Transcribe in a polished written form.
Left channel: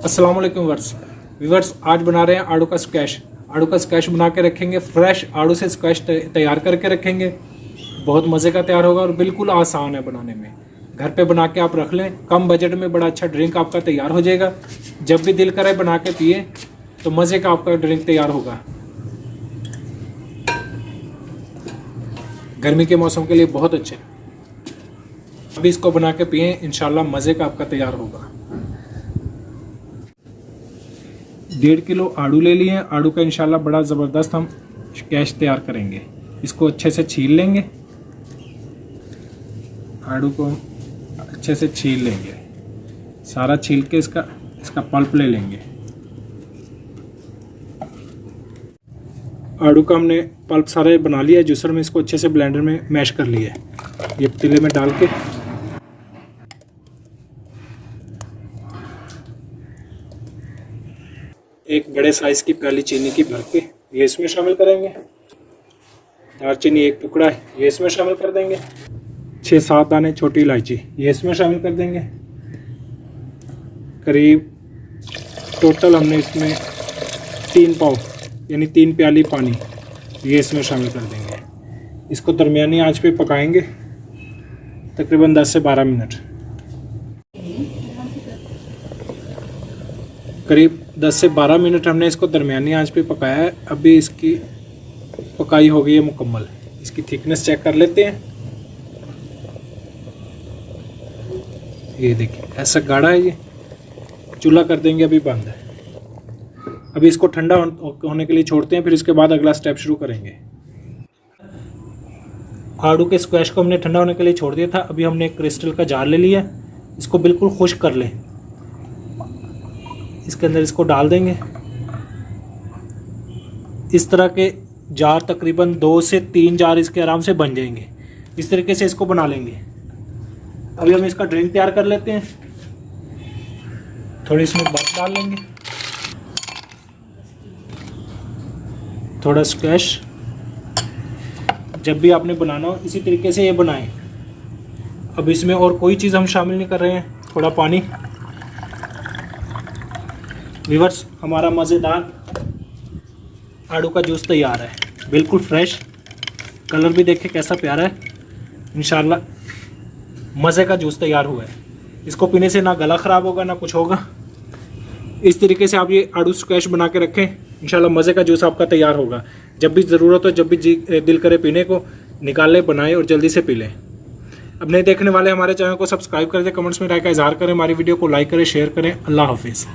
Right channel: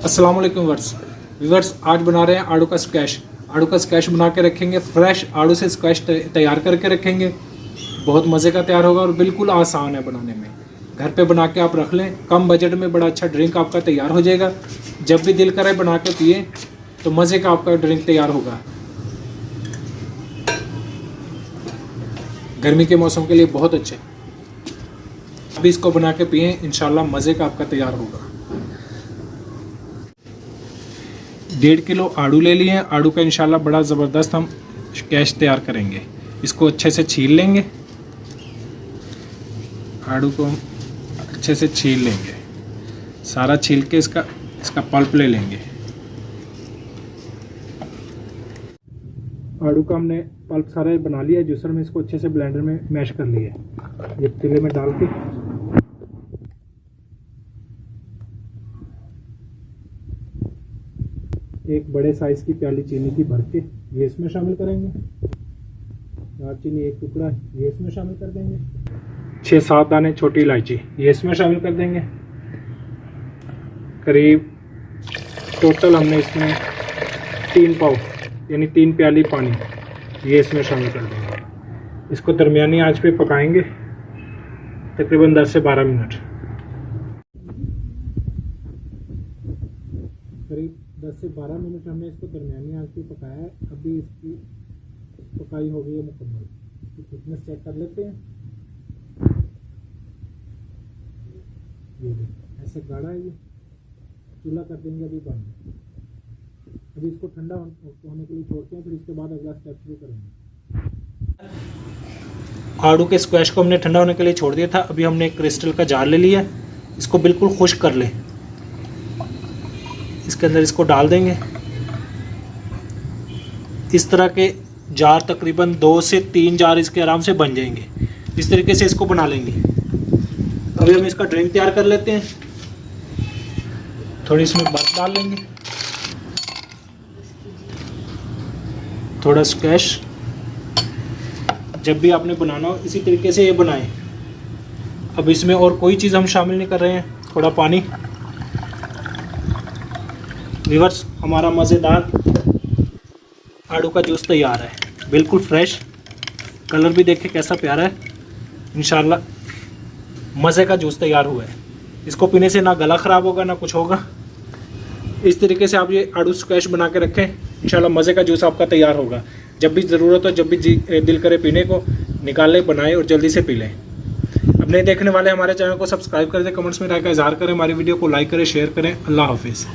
अस्सलाम वालेकुम व्यूअर्स, आज बना रहे हैं आड़ू का स्क्वैश। आड़ू का स्क्वैश बना के रखेंगे, फ्रेश आड़ू से स्क्वैश तैयार करके रखेंगे। बहुत मज़े का तैयार होगा और बिल्कुल आसान है बनाने में। घर पे बना के आप रख लें, कम बजट में बड़ा अच्छा ड्रिंक आपका तैयार हो जाएगा। जब भी दिल करे बना के पिए तो मज़े का आपका ड्रिंक तैयार होगा। गर्मी के मौसम के लिए बहुत अच्छे। अभी इसको बना के पिए, इंशाल्लाह मज़े का आपका तैयार होगा। 1.5 किलो आड़ू ले लिए हैं। आड़ू का इंशाल्लाह बड़ा ज़बरदस्त हम स्क्वैश तैयार करेंगे। इसको अच्छे से छील लेंगे। आड़ू को हम अच्छे से छील लेंगे, सारा छील के इसका पल्प ले लेंगे। आड़ू का हमने पल्प सारे बना लिया है जूसर में। इसको अच्छे से ब्लेंडर में मैश कर लिया है। ये पतीले में डाल के एक बड़े साइज़ की प्याली चीनी की भर के ये इसमें शामिल करेंगे। दालचीनी एक टुकड़ा है, ये इसमें शामिल कर देंगे। 6-7 दाने छोटी इलायची ये इसमें शामिल कर देंगे। करीब टोटल हमने इसमें 3 पाव यानी 3 प्याली पानी ये इसमें शामिल कर देंगे। इसको दरमियानी आंच पे पकाएंगे तकरीबन 10 से 12 मिनट। करीब 10 से 12 मिनट हमने इसको दरमियानी आंच पे पकाया है। अभी इसकी पकाई हो गई है मुकम्मल। इसकी थिकनेस चेक कर लेते हैं। ये देखिए ऐसा गाढ़ा है। ये चूल्हा कर देंगे, अभी बंद है। अभी इसको ठंडा होने के लिए छोड़ते हैं, फिर इसके बाद अगला स्टेप शुरू करेंगे। आड़ू के स्क्वैश को हमने ठंडा होने के लिए छोड़ दिया था। अभी हमने एक क्रिस्टल का जार ले लिया। इसको बिल्कुल खुश्क कर लें। इसके अंदर इसको डाल देंगे। इस तरह के जार तकरीबन 2 से 3 जार इसके आराम से बन जाएंगे। इस तरीके से इसको बना लेंगे। अभी हम इसका ड्रिंक तैयार कर लेते हैं। थोड़ी इसमें बर्फ डाल लेंगे, थोड़ा स्क्वैश। जब भी आपने बनाना हो इसी तरीके से ये बनाएं। अब इसमें और कोई चीज़ हम शामिल नहीं कर रहे हैं। थोड़ा पानी। व्यूअर्स, हमारा मज़ेदार आड़ू का जूस तैयार है, बिल्कुल फ्रेश। कलर भी देखिए कैसा प्यारा है। इंशाल्लाह मज़े का जूस तैयार हुआ है। इसको पीने से ना गला ख़राब होगा ना कुछ होगा। इस तरीके से आप ये आड़ू स्क्वैश बना के रखें, इंशाल्लाह मज़े का जूस आपका तैयार होगा। जब भी ज़रूरत हो, जब भी दिल करे पीने को, निकाल लें, बनाएं और जल्दी से पी लें। अब नए देखने वाले हमारे चैनल को सब्सक्राइब कर दें, कमेंट्स में राय का इज़हार करें, हमारी वीडियो को लाइक करें, शेयर करें। अल्लाह हाफिज़।